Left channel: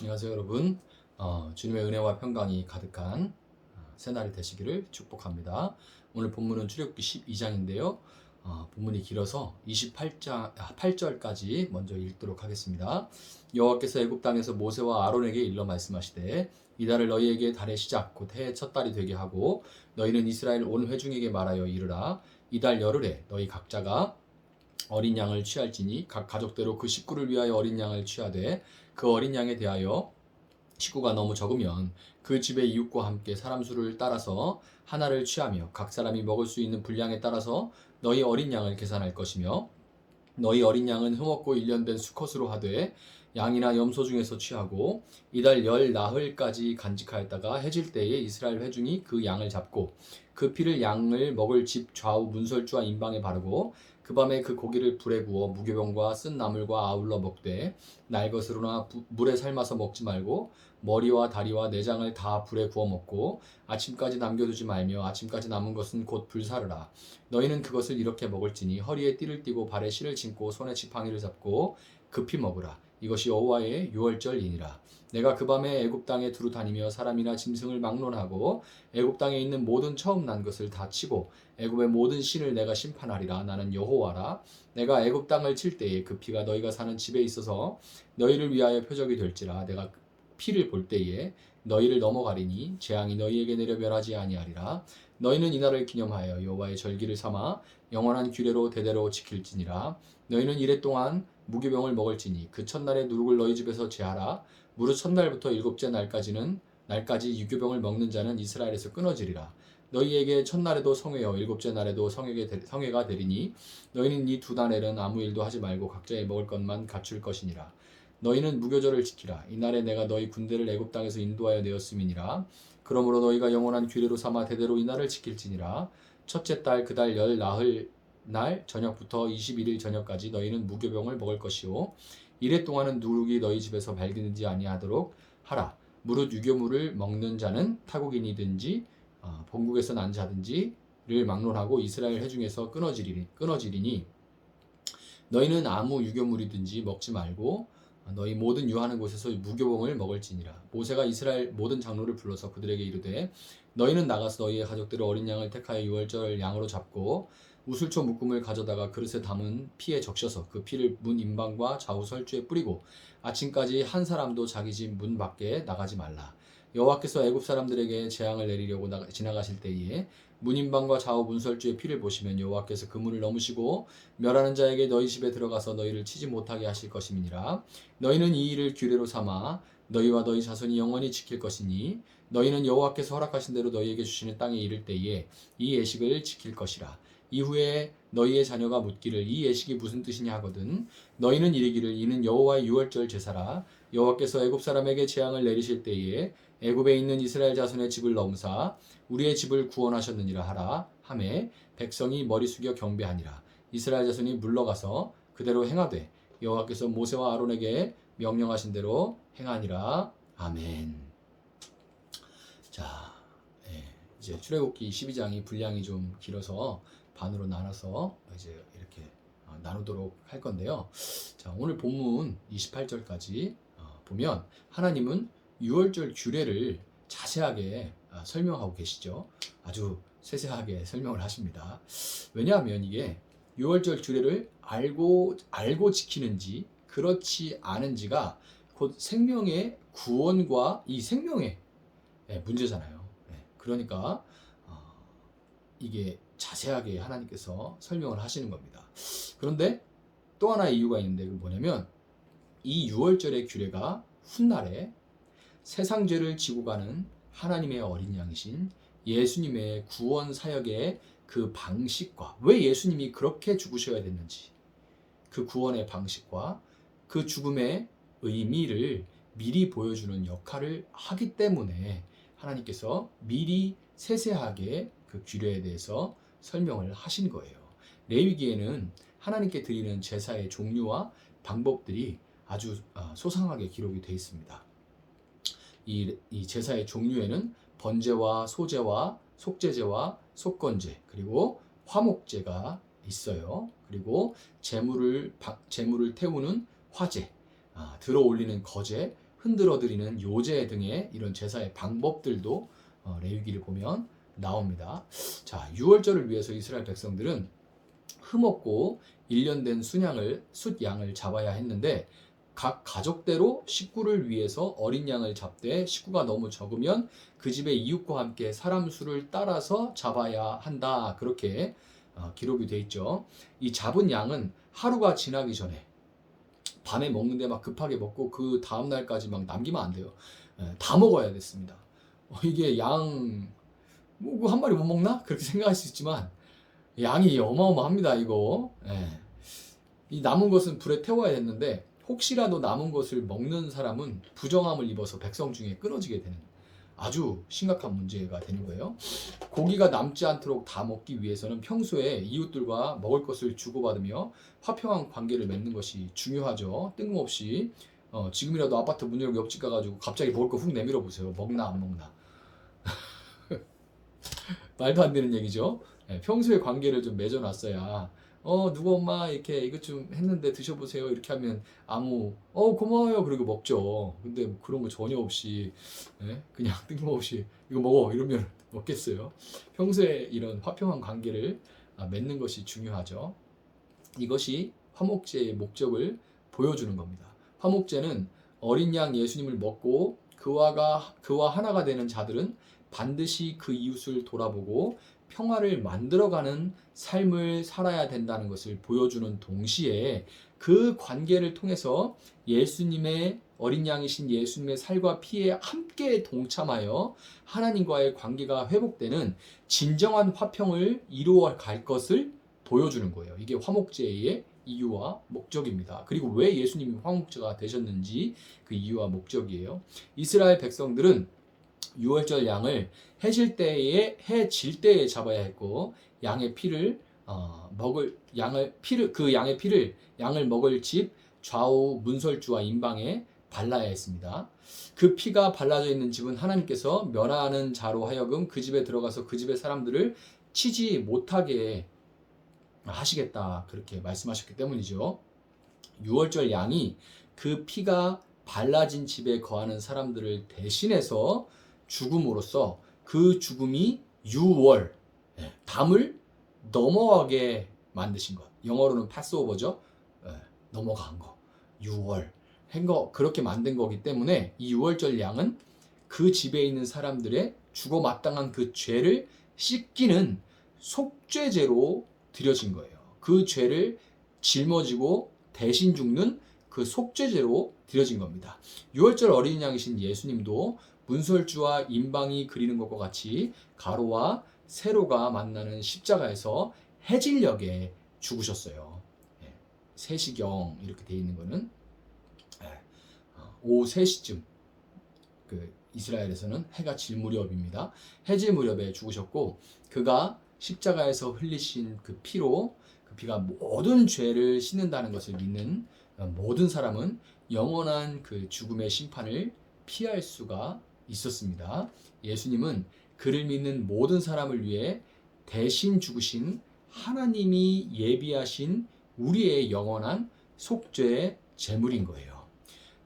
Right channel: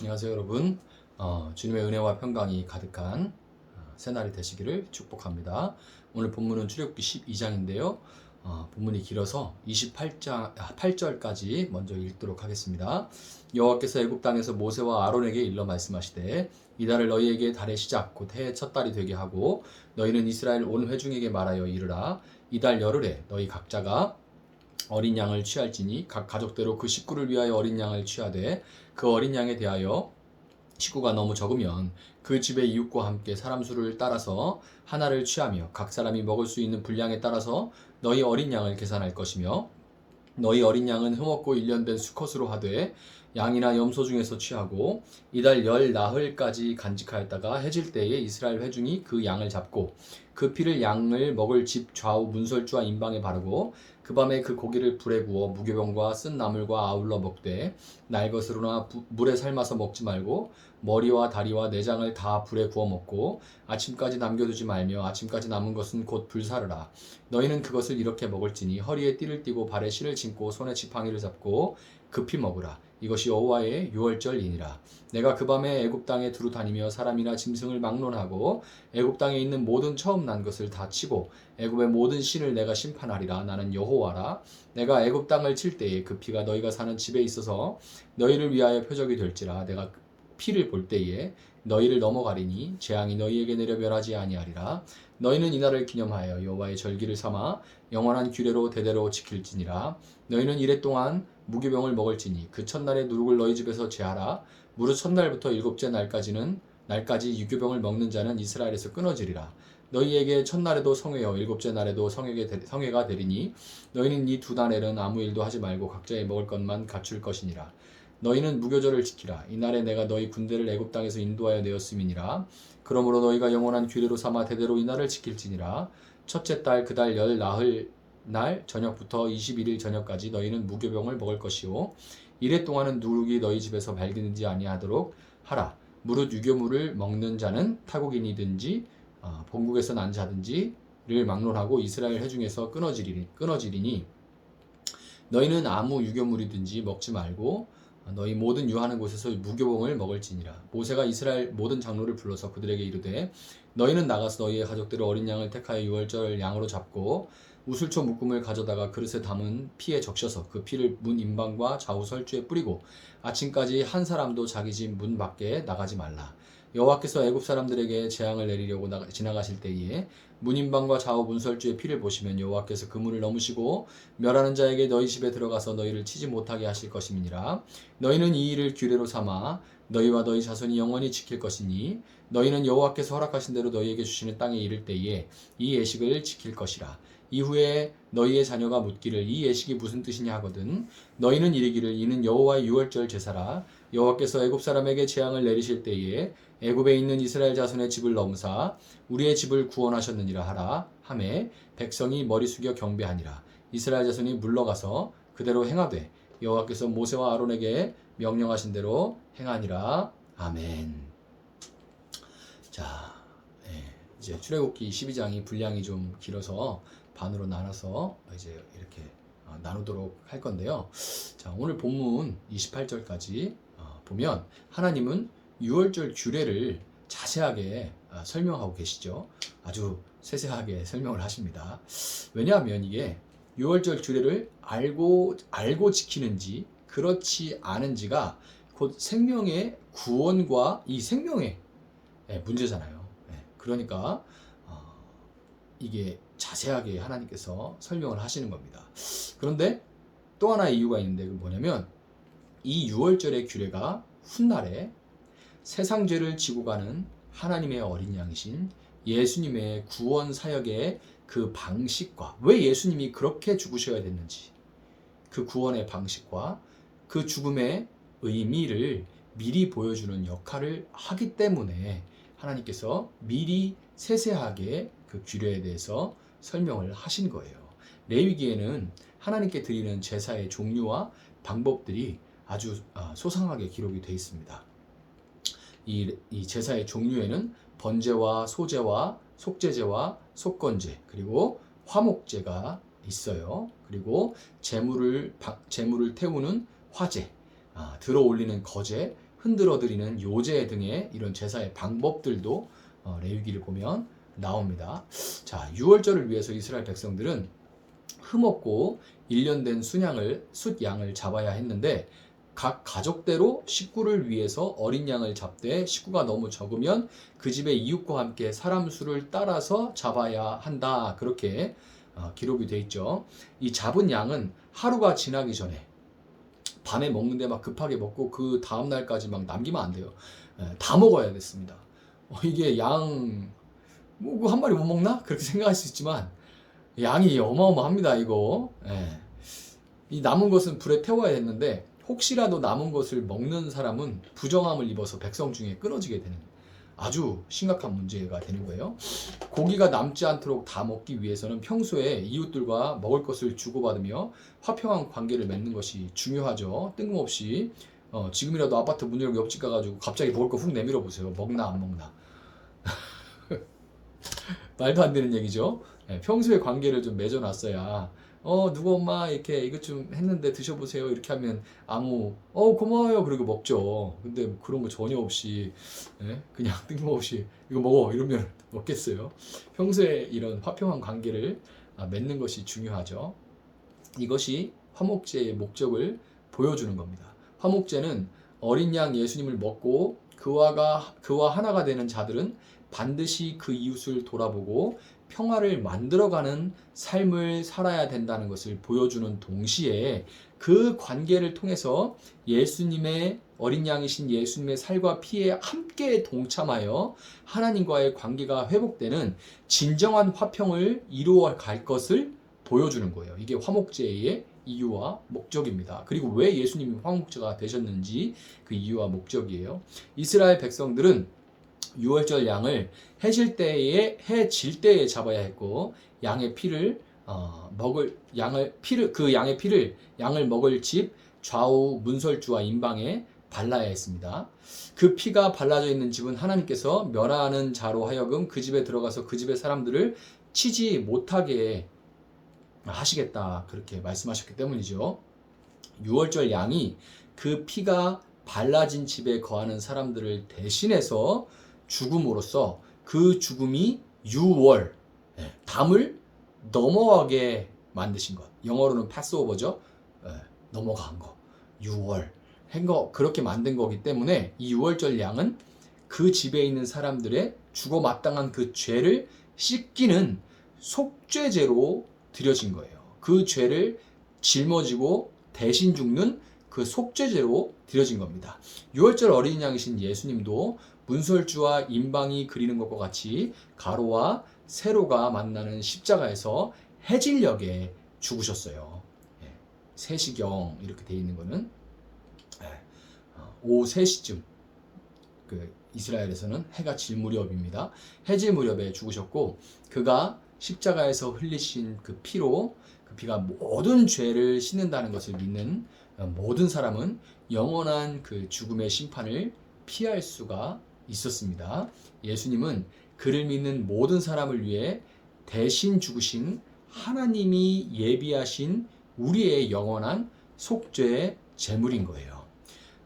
안녕하세요 여러분. 주님의 은혜와 평강이 가득한 새날이 되시기를 축복합니다. 오늘 본문은 출애굽기 12장인데요. 본문이 길어서 8절까지 먼저 읽도록 하겠습니다. 여호와께서 애굽 땅에서 모세와 아론에게 일러 말씀하시되 이달을 너희에게 달의 시작 곧 해의 첫 달이 되게 하고 너희는 이스라엘 온 회중에게 말하여 이르라. 이달 열흘에 너희 각자가 어린 양을 취할지니 각 가족대로 그 식구를 위하여 어린 양을 취하되 그 어린 양에 대하여 식구가 너무 적으면 그 집의 이웃과 함께 사람 수를 따라서 하나를 취하며 각 사람이 먹을 수 있는 분량에 따라서 너희 어린 양을 계산할 것이며 너희 어린 양은 흠없고 일련된 수컷으로 하되 양이나 염소 중에서 취하고 이달 열 나흘까지 간직하였다가 해질 때에 이스라엘 회중이 그 양을 잡고 그 피를 양을 먹을 집 좌우 문설주와 인방에 바르고 그 밤에 그 고기를 불에 구워 무교병과 쓴 나물과 아울러 먹되 날 것으로나 물에 삶아서 먹지 말고 머리와 다리와 내장을 다 불에 구워 먹고 아침까지 남겨두지 말며 아침까지 남은 것은 곧 불사르라. 너희는 그것을 이렇게 먹을지니 허리에 띠를 띠고 발에 실을 신고 손에 지팡이를 잡고 급히 먹으라. 이것이 여호와의 유월절이니라. 내가 그 밤에 애굽 땅에 두루 다니며 사람이나 짐승을 막론하고 애굽 땅에 있는 모든 처음 난 것을 다 치고 애굽의 모든 신을 내가 심판하리라. 나는 여호와라. 내가 애굽 땅을 칠 때에 그 피가 너희가 사는 집에 있어서 너희를 위하여 표적이 될지라. 내가 피를 볼 때에 너희를 넘어가리니 재앙이 너희에게 내려 멸하지 아니하리라. 너희는 이날을 기념하여 여호와의 절기를 삼아 영원한 규례로 대대로 지킬지니라. 너희는 이래 동안 무교병을 먹을지니 그 첫날에 누룩을 너희 집에서 제하라. 무릇 첫날부터 일곱째 날까지 유교병을 먹는 자는 이스라엘에서 끊어지리라. 너희에게 첫날에도 성회요 일곱째 날에도 성회가 되리니 너희는 이 두 날에는 아무 일도 하지 말고 각자의 먹을 것만 갖출 것이니라. 너희는 무교절을 지키라. 이날에 내가 너희 군대를 애굽 땅에서 인도하여 내었음이니라. 그러므로 너희가 영원한 규례로 삼아 대대로 이날을 지킬지니라. 첫째 달 그 달 열 나흘 날 저녁부터 21일 저녁까지 너희는 무교병을 먹을 것이요 이래 동안은 누룩이 너희 집에서 발견되지 아니하도록 하라. 무릇 유교물을 먹는 자는 타국인이든지 본국에서 난 자든지를 막론하고 이스라엘 회중에서 끊어지리니 너희는 아무 유교물이든지 먹지 말고 너희 모든 유하는 곳에서 무교봉을 먹을지니라. 모세가 이스라엘 모든 장로를 불러서 그들에게 이르되 너희는 나가서 너희의 가족들의 어린 양을 택하여 유월절 양으로 잡고 우슬초 묶음을 가져다가 그릇에 담은 피에 적셔서 그 피를 문 인방과 좌우 설주에 뿌리고 아침까지 한 사람도 자기 집 문 밖에 나가지 말라. 여호와께서 애굽 사람들에게 재앙을 내리려고 지나가실 때에 문인방과 좌우 문설주의 피를 보시면 여호와께서 그 문을 넘으시고 멸하는 자에게 너희 집에 들어가서 너희를 치지 못하게 하실 것임이니라. 너희는 이 일을 규례로 삼아 너희와 너희 자손이 영원히 지킬 것이니 너희는 여호와께서 허락하신 대로 너희에게 주시는 땅에 이를 때에 이 예식을 지킬 것이라. 이후에 너희의 자녀가 묻기를 이 예식이 무슨 뜻이냐 하거든 너희는 이르기를 이는 여호와의 유월절 제사라. 여호와께서 애굽 사람에게 재앙을 내리실 때에 애굽에 있는 이스라엘 자손의 집을 넘사 우리의 집을 구원하셨느니라 하라 하매 백성이 머리 숙여 경배하니라. 이스라엘 자손이 물러가서 그대로 행하되 여호와께서 모세와 아론에게 명령하신 대로 행하니라. 아멘. 자, 이제 출애굽기 12장이 분량이 좀 길어서 반으로 나눠서 이제 이렇게 나누도록 할 건데요. 자, 오늘 본문 28절까지 보면 하나님은 유월절 규례를 자세하게 설명하고 계시죠. 아주 세세하게 설명을 하십니다. 왜냐하면 이게 유월절 규례를 알고 지키는지 그렇지 않은지가 곧 생명의 구원과 이 생명의 문제잖아요. 그러니까 이게 자세하게 하나님께서 설명을 하시는 겁니다. 그런데 또 하나의 이유가 있는데 그건 뭐냐면 이 유월절의 규례가 훗날에 세상 죄를 지고 가는 하나님의 어린 양이신 예수님의 구원 사역의 그 방식과 왜 예수님이 그렇게 죽으셔야 됐는지 그 구원의 방식과 그 죽음의 의미를 미리 보여주는 역할을 하기 때문에 하나님께서 미리 세세하게 그 규례에 대해서 설명을 하신 거예요. 레위기에는 하나님께 드리는 제사의 종류와 방법들이 아주 소상하게 기록이 되어 있습니다. 이 제사의 종류에는 번제와 소제와 속제제와 속건제 그리고 화목제가 있어요. 그리고 제물을 태우는 화제, 들어 올리는 거제, 흔들어 드리는 요제 등의 이런 제사의 방법들도 레위기를 보면 나옵니다. 자, 유월절을 위해서 이스라엘 백성들은 흠없고 1년 된 숫양을 잡아야 했는데 각 가족대로 식구를 위해서 어린 양을 잡되 식구가 너무 적으면 그 집의 이웃과 함께 사람 수를 따라서 잡아야 한다. 그렇게 기록이 돼 있죠. 이 잡은 양은 하루가 지나기 전에 밤에 먹는데 막 급하게 먹고 그 다음 날까지 막 남기면 안 돼요. 다 먹어야 됐습니다. 이게 뭐 한 마리 못 먹나? 그렇게 생각할 수 있지만 양이 어마어마합니다, 이거. 이 남은 것은 불에 태워야 했는데 혹시라도 남은 것을 먹는 사람은 부정함을 입어서 백성 중에 끊어지게 되는 아주 심각한 문제가 되는 거예요. 고기가 남지 않도록 다 먹기 위해서는 평소에 이웃들과 먹을 것을 주고받으며 화평한 관계를 맺는 것이 중요하죠. 뜬금없이 지금이라도 아파트 문 열고 옆집 가가지고 갑자기 먹을 거 훅 내밀어 보세요. 먹나 안 먹나. 말도 안 되는 얘기죠. 평소에 관계를 좀 맺어놨어야 누구 엄마 이렇게 이것 좀 했는데 드셔보세요 이렇게 하면 고마워요 그리고 먹죠. 근데 뭐 그런 거 전혀 없이 그냥 뜬금없이 이거 먹어 이러면 먹겠어요. 평소에 이런 화평한 관계를 맺는 것이 중요하죠. 이것이 화목제의 목적을 보여주는 겁니다. 화목제는 어린 양 예수님을 먹고 그와 하나가 되는 자들은 반드시 그 이웃을 돌아보고 평화를 만들어가는 삶을 살아야 된다는 것을 보여주는 동시에 그 관계를 통해서 예수님의 어린 양이신 예수님의 살과 피에 함께 동참하여 하나님과의 관계가 회복되는 진정한 화평을 이루어 갈 것을 보여주는 거예요. 이게 화목제의 이유와 목적입니다. 그리고 왜 예수님이 화목제가 되셨는지 그 이유와 목적이에요. 이스라엘 백성들은 유월절 양을 해질 때에 잡아야 했고 양의 피를 양을 먹을 집 좌우 문설주와 임방에 발라야 했습니다. 그 피가 발라져 있는 집은 하나님께서 멸하는 자로 하여금 그 집에 들어가서 그 집의 사람들을 치지 못하게 하시겠다 그렇게 말씀하셨기 때문이죠. 유월절 양이 그 피가 발라진 집에 거하는 사람들을 대신해서 죽음으로써 그 죽음이 유월, 담을 넘어가게 만드신 것. 영어로는 패스오버죠. 넘어간 거. 유월. 그렇게 만든 거기 때문에 이 유월절 양은 그 집에 있는 사람들의 죽어 마땅한 그 죄를 씻기는 속죄제로 드려진 거예요. 그 죄를 짊어지고 대신 죽는 그 속죄제로 드려진 겁니다. 유월절 어린 양이신 예수님도 문설주와 임방이 그리는 것과 같이 가로와 세로가 만나는 십자가에서 해질녘에 죽으셨어요. 세시경 이렇게 되어 있는 거는 오후 3시쯤 그 이스라엘에서는 해가 질 무렵입니다. 해질 무렵에 죽으셨고 그가 십자가에서 흘리신 그 피로 그 피가 모든 죄를 씻는다는 것을 믿는 모든 사람은 영원한 그 죽음의 심판을 피할 수가 있었습니다. 예수님은 그를 믿는 모든 사람을 위해 대신 죽으신 하나님이 예비하신 우리의 영원한 속죄의 제물인 거예요.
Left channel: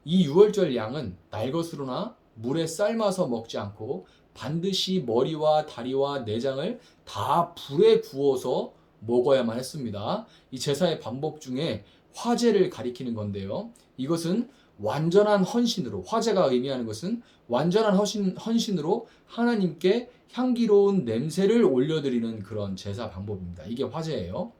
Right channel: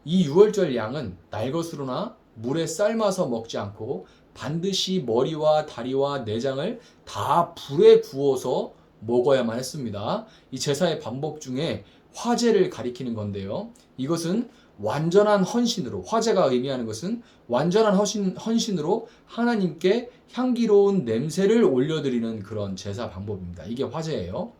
이 유월절 양은 날것으로나 물에 삶아서 먹지 않고 반드시 머리와 다리와 내장을 다 불에 구워서 먹어야만 했습니다. 이 제사의 방법 중에 화제를 가리키는 건데요. 이것은 완전한 헌신으로, 화제가 의미하는 것은 완전한 헌신으로 하나님께 향기로운 냄새를 올려드리는 그런 제사 방법입니다. 이게 화제예요.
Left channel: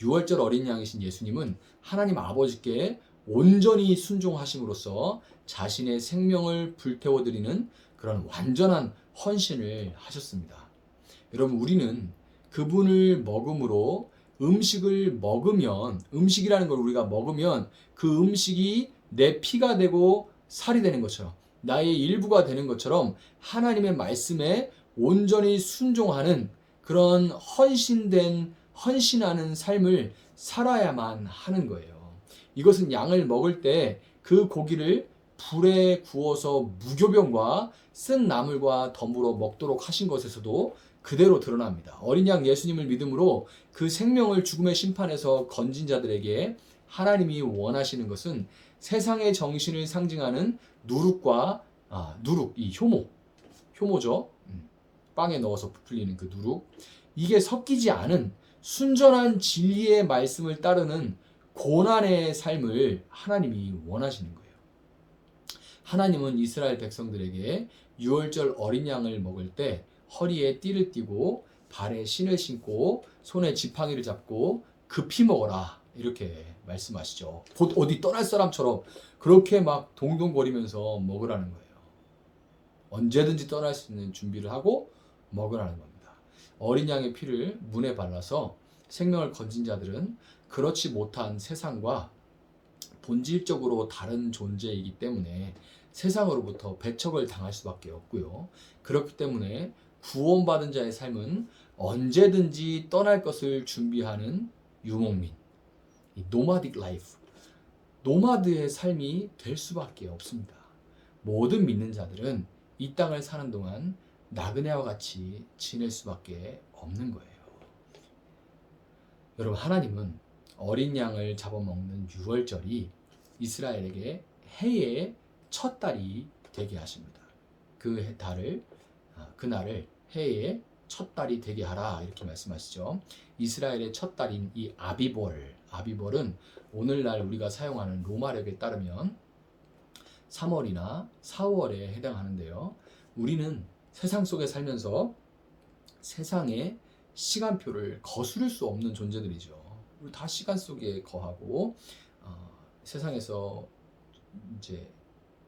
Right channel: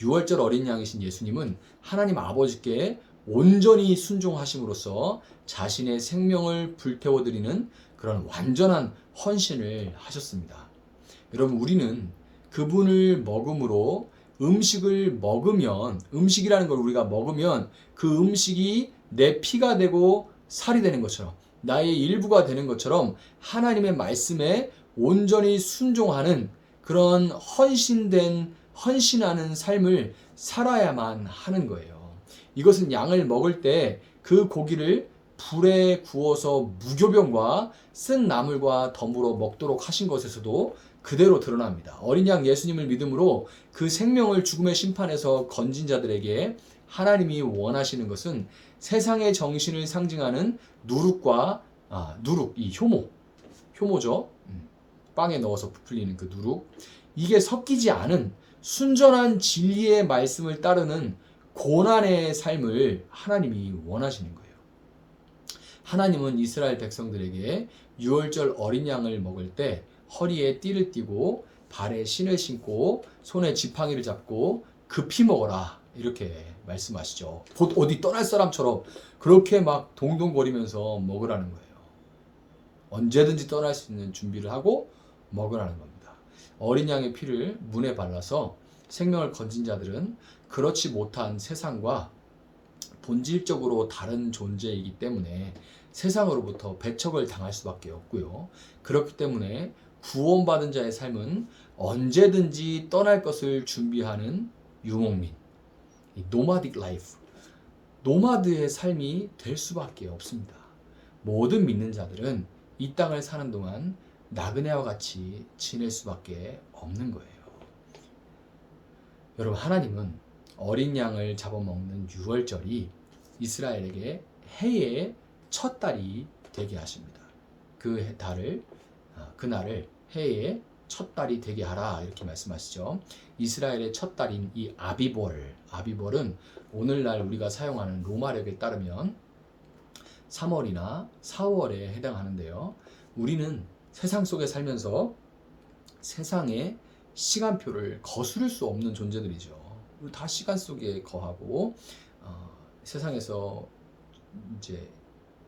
유월절 어린 양이신 예수님은 하나님 아버지께 온전히 순종하심으로써 자신의 생명을 불태워드리는 그런 완전한 헌신을 하셨습니다. 여러분, 우리는 그분을 먹음으로 음식이라는 걸 우리가 먹으면 그 음식이 내 피가 되고 살이 되는 것처럼 나의 일부가 되는 것처럼 하나님의 말씀에 온전히 순종하는 그런 헌신하는 삶을 살아야만 하는 거예요. 이것은 양을 먹을 때 그 고기를 불에 구워서 무교병과 쓴 나물과 더불어 먹도록 하신 것에서도 그대로 드러납니다. 어린 양 예수님을 믿음으로 그 생명을 죽음의 심판에서 건진 자들에게 하나님이 원하시는 것은 세상의 정신을 상징하는 누룩과 누룩, 이 효모죠. 빵에 넣어서 부풀리는 그 누룩. 이게 섞이지 않은 순전한 진리의 말씀을 따르는 고난의 삶을 하나님이 원하시는 거예요. 하나님은 이스라엘 백성들에게 유월절 어린 양을 먹을 때 허리에 띠를 띠고 발에 신을 신고 손에 지팡이를 잡고 급히 먹어라 이렇게 말씀하시죠. 곧 어디 떠날 사람처럼 그렇게 막 동동거리면서 먹으라는 거예요. 언제든지 떠날 수 있는 준비를 하고 먹으라는 겁니다. 어린 양의 피를 문에 발라서 생명을 건진 자들은 그렇지 못한 세상과 본질적으로 다른 존재이기 때문에 세상으로부터 배척을 당할 수밖에 없고요. 그렇기 때문에 구원받은 자의 삶은 언제든지 떠날 것을 준비하는 유목민, 노마딕 라이프, 노마드의 삶이 될 수밖에 없습니다. 모든 믿는 자들은 이 땅을 사는 동안 나그네와 같이 지낼 수밖에 없는 거예요. 여러분, 하나님은 어린 양을 잡아먹는 유월절이 이스라엘에게 해의 첫 달이 되게 하십니다. 그날을 해의 첫 달이 되게 하라 이렇게 말씀하시죠. 이스라엘의 첫 달인 이 아비볼은 오늘날 우리가 사용하는 로마력에 따르면 3월이나 4월에 해당하는데요. 우리는 세상 속에 살면서 세상의 시간표를 거스를 수 없는 존재들이죠. 우리 다 시간 속에 거하고 세상에서 이제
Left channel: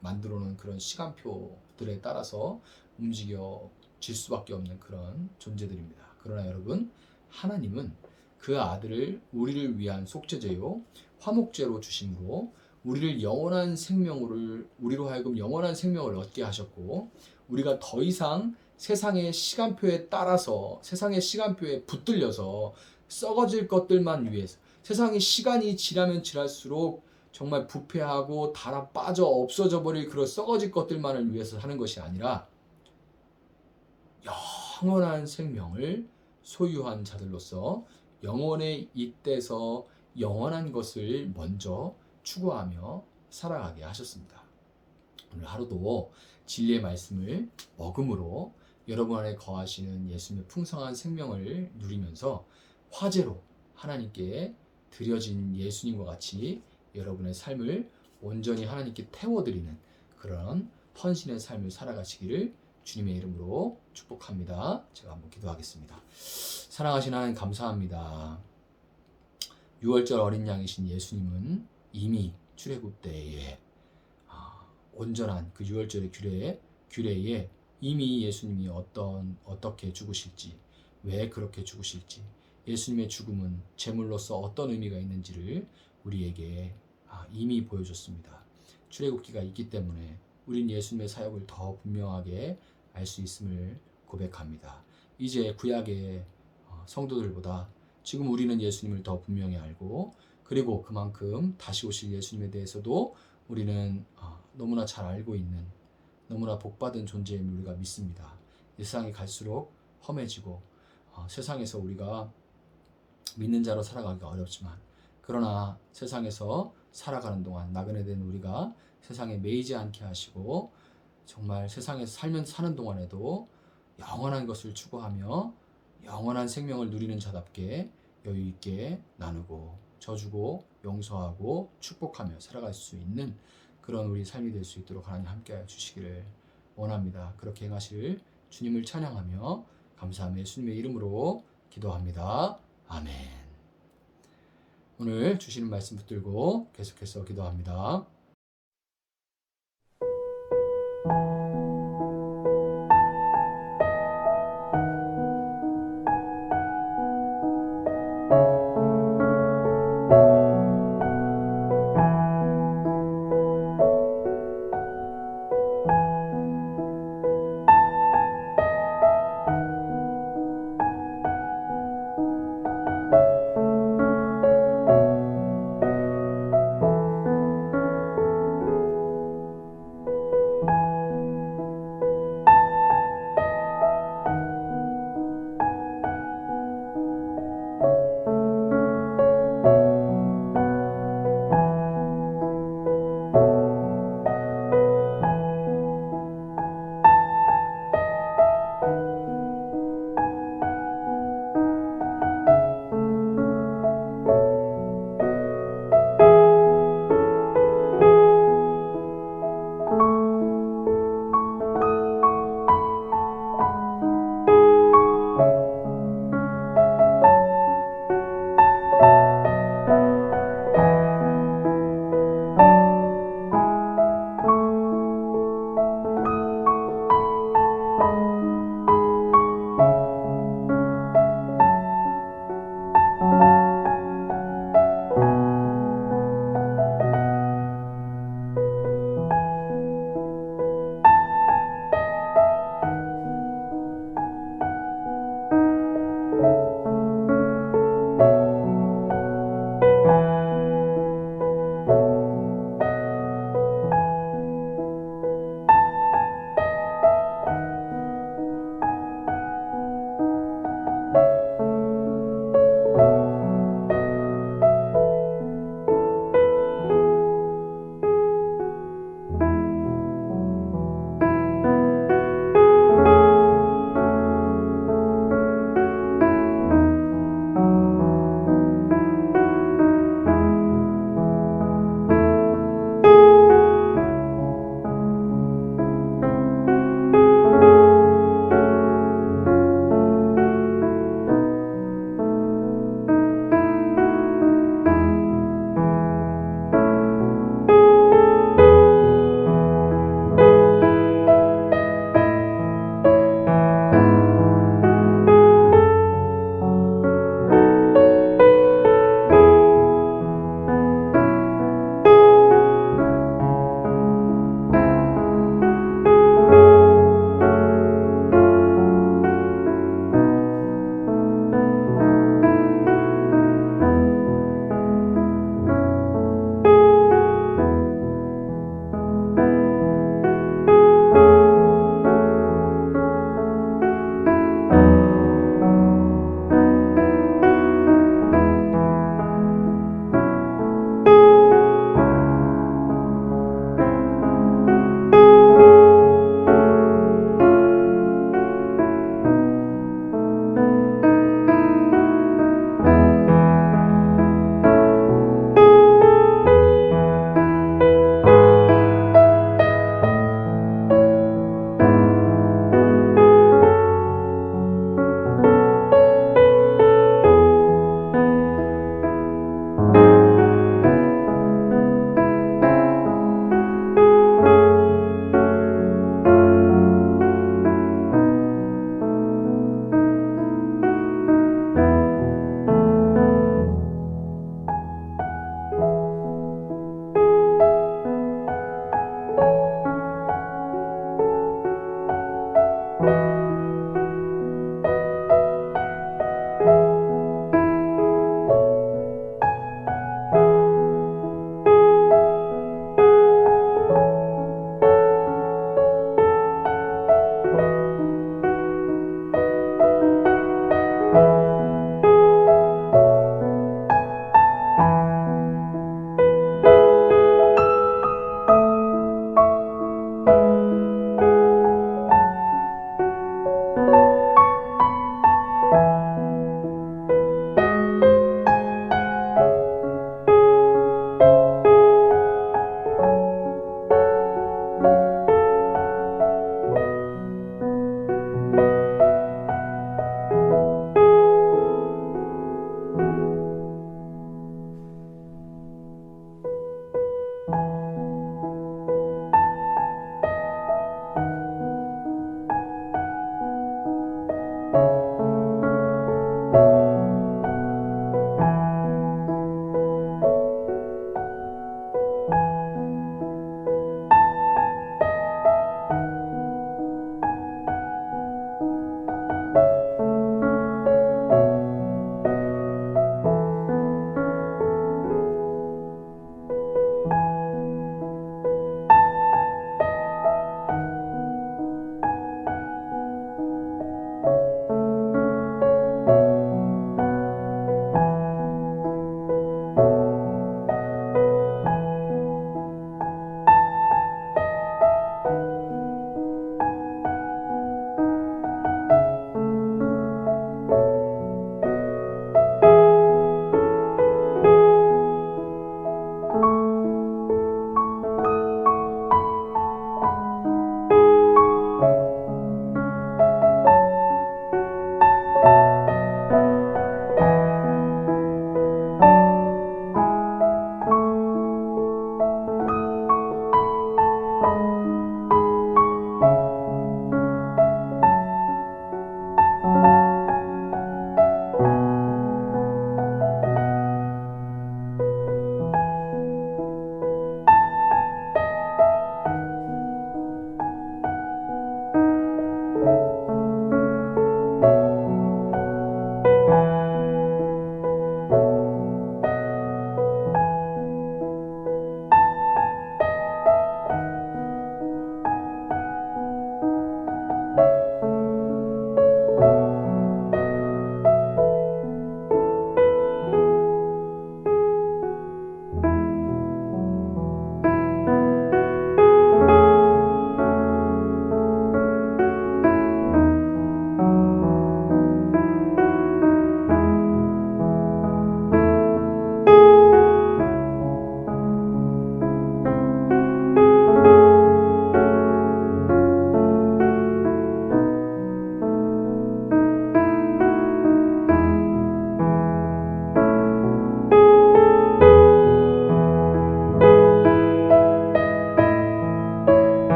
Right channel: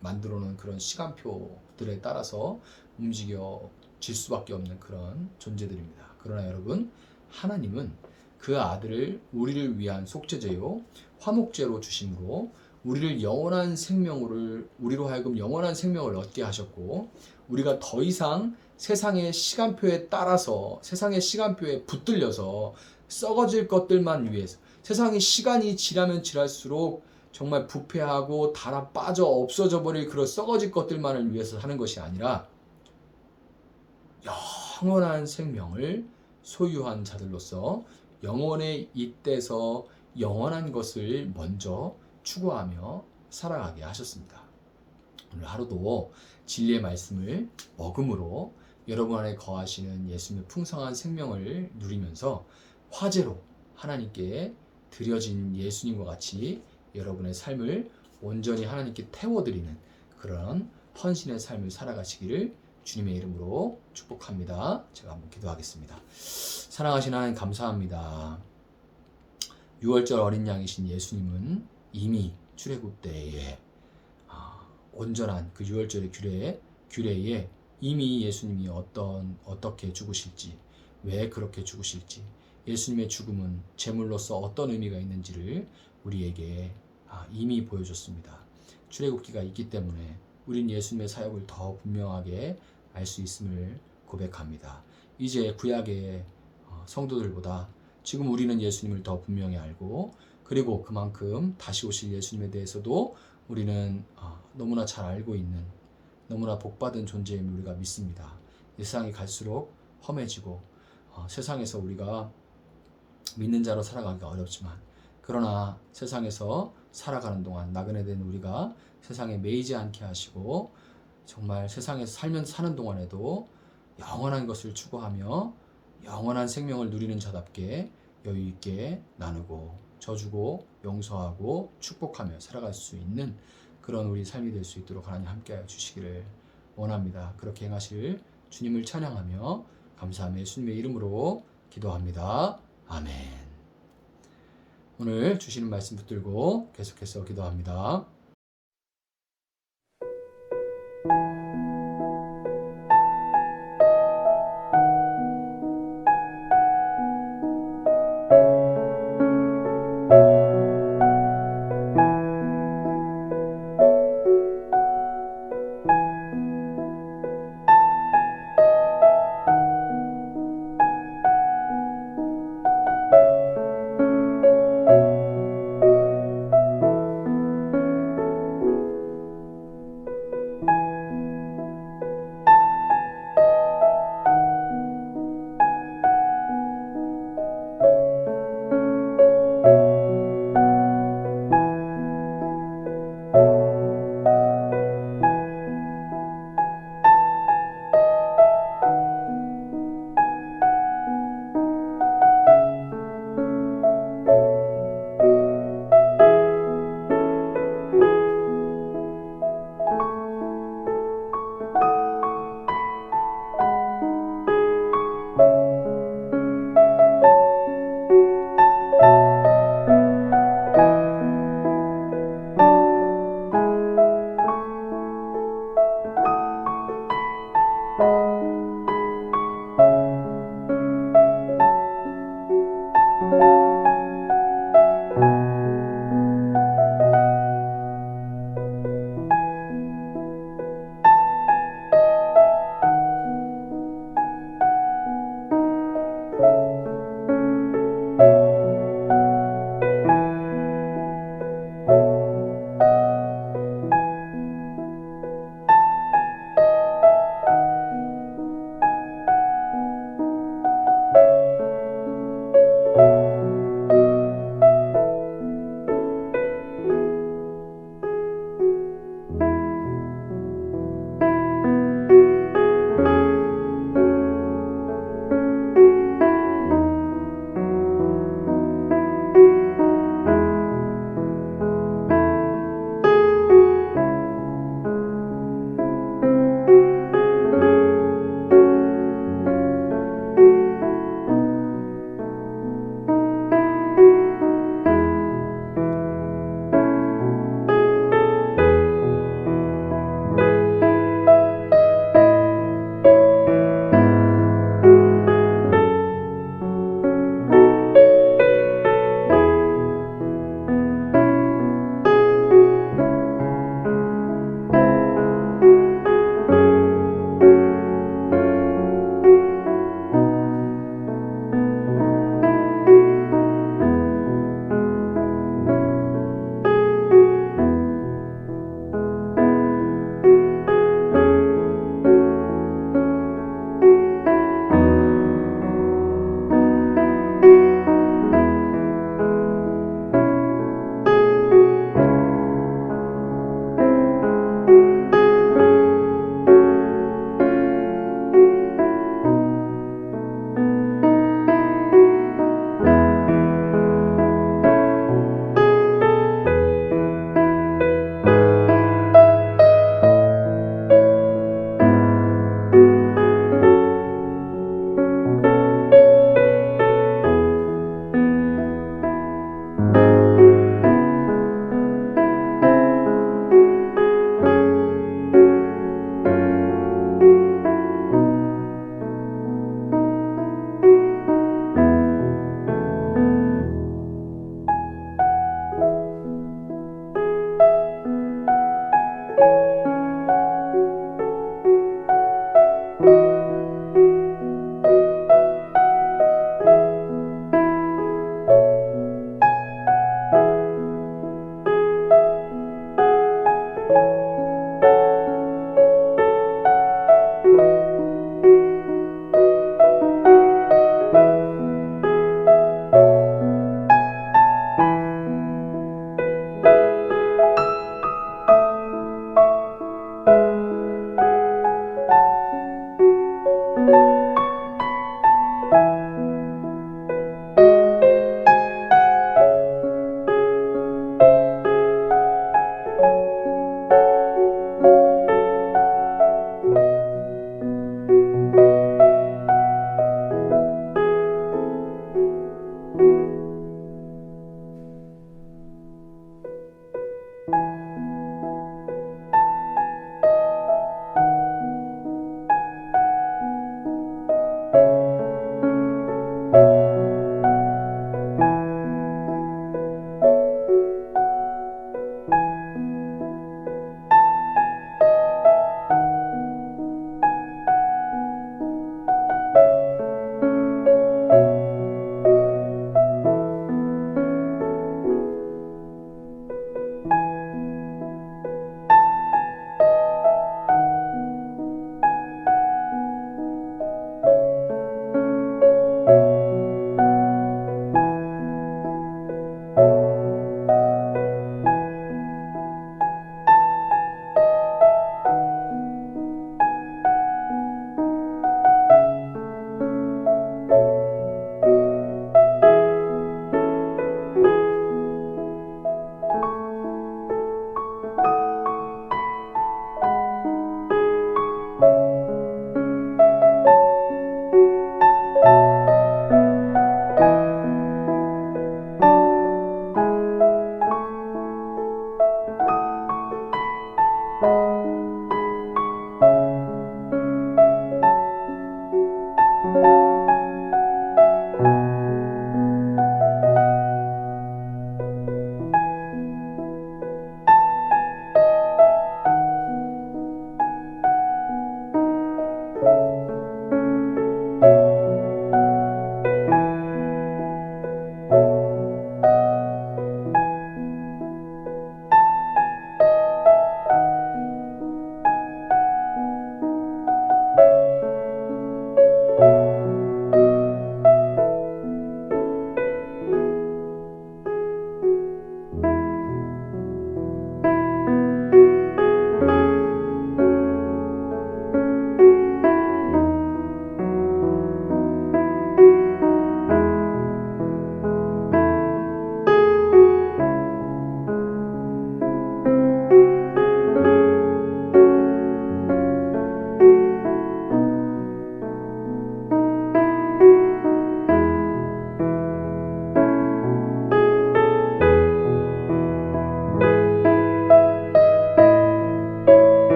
만들어 놓은 그런 시간표들에 따라서 움직여질 수밖에 없는 그런 존재들입니다. 그러나 여러분, 하나님은 그 아들을 우리를 위한 속죄제요 화목제로 주심으로 우리로 하여금 영원한 생명을 얻게 하셨고, 우리가 더 이상 세상의 시간표에 따라서 세상의 시간표에 붙들려서 썩어질 것들만 위해서, 세상의 시간이 지나면 지날수록 정말 부패하고 달아 빠져 없어져 버릴 그런 썩어질 것들만을 위해서 사는 것이 아니라 영원한 생명을 소유한 자들로서 영원에 잇대서 영원한 것을 먼저 추구하며 살아가게 하셨습니다. 오늘 하루도 진리의 말씀을 먹음으로 여러분 안에 거하시는 예수님의 풍성한 생명을 누리면서 화제로 하나님께 드려진 예수님과 같이 여러분의 삶을 온전히 하나님께 태워드리는 그런 헌신의 삶을 살아가시기를 주님의 이름으로 축복합니다. 제가 한번 기도하겠습니다. 사랑하신 하나님, 감사합니다. 6월절 어린 양이신 예수님은 이미 출애굽 때에 온전한 그 6월절의 규례에 이미 예수님이 어떻게 죽으실지, 왜 그렇게 죽으실지, 예수님의 죽음은 제물로서 어떤 의미가 있는지를 우리에게 이미 보여줬습니다. 출애굽기가 있기 때문에 우린 예수님의 사역을 더 분명하게 알 수 있음을 고백합니다. 이제 구약의 성도들보다 지금 우리는 예수님을 더 분명히 알고, 그리고 그만큼 다시 오실 예수님에 대해서도 우리는 너무나 잘 알고 있는 너무나 복받은 존재임을 우리가 믿습니다. 세상이 갈수록 험해지고 세상에서 우리가 믿는 자로 살아가기가 어렵지만, 그러나 세상에서 살아가는 동안 나그네 된 우리가 세상에 매이지 않게 하시고 정말 세상에서 사는 동안에도 영원한 것을 추구하며 영원한 생명을 누리는 자답게 여유 있게 나누고 져주고 용서하고 축복하며 살아갈 수 있는 그런 우리 삶이 될 수 있도록 하나님 함께하여 주시기를 원합니다. 그렇게 행하실 주님을 찬양하며 감사하며 예수님의 이름으로 기도합니다. 아멘. 오늘 주시는 말씀 붙들고 계속해서 기도합니다.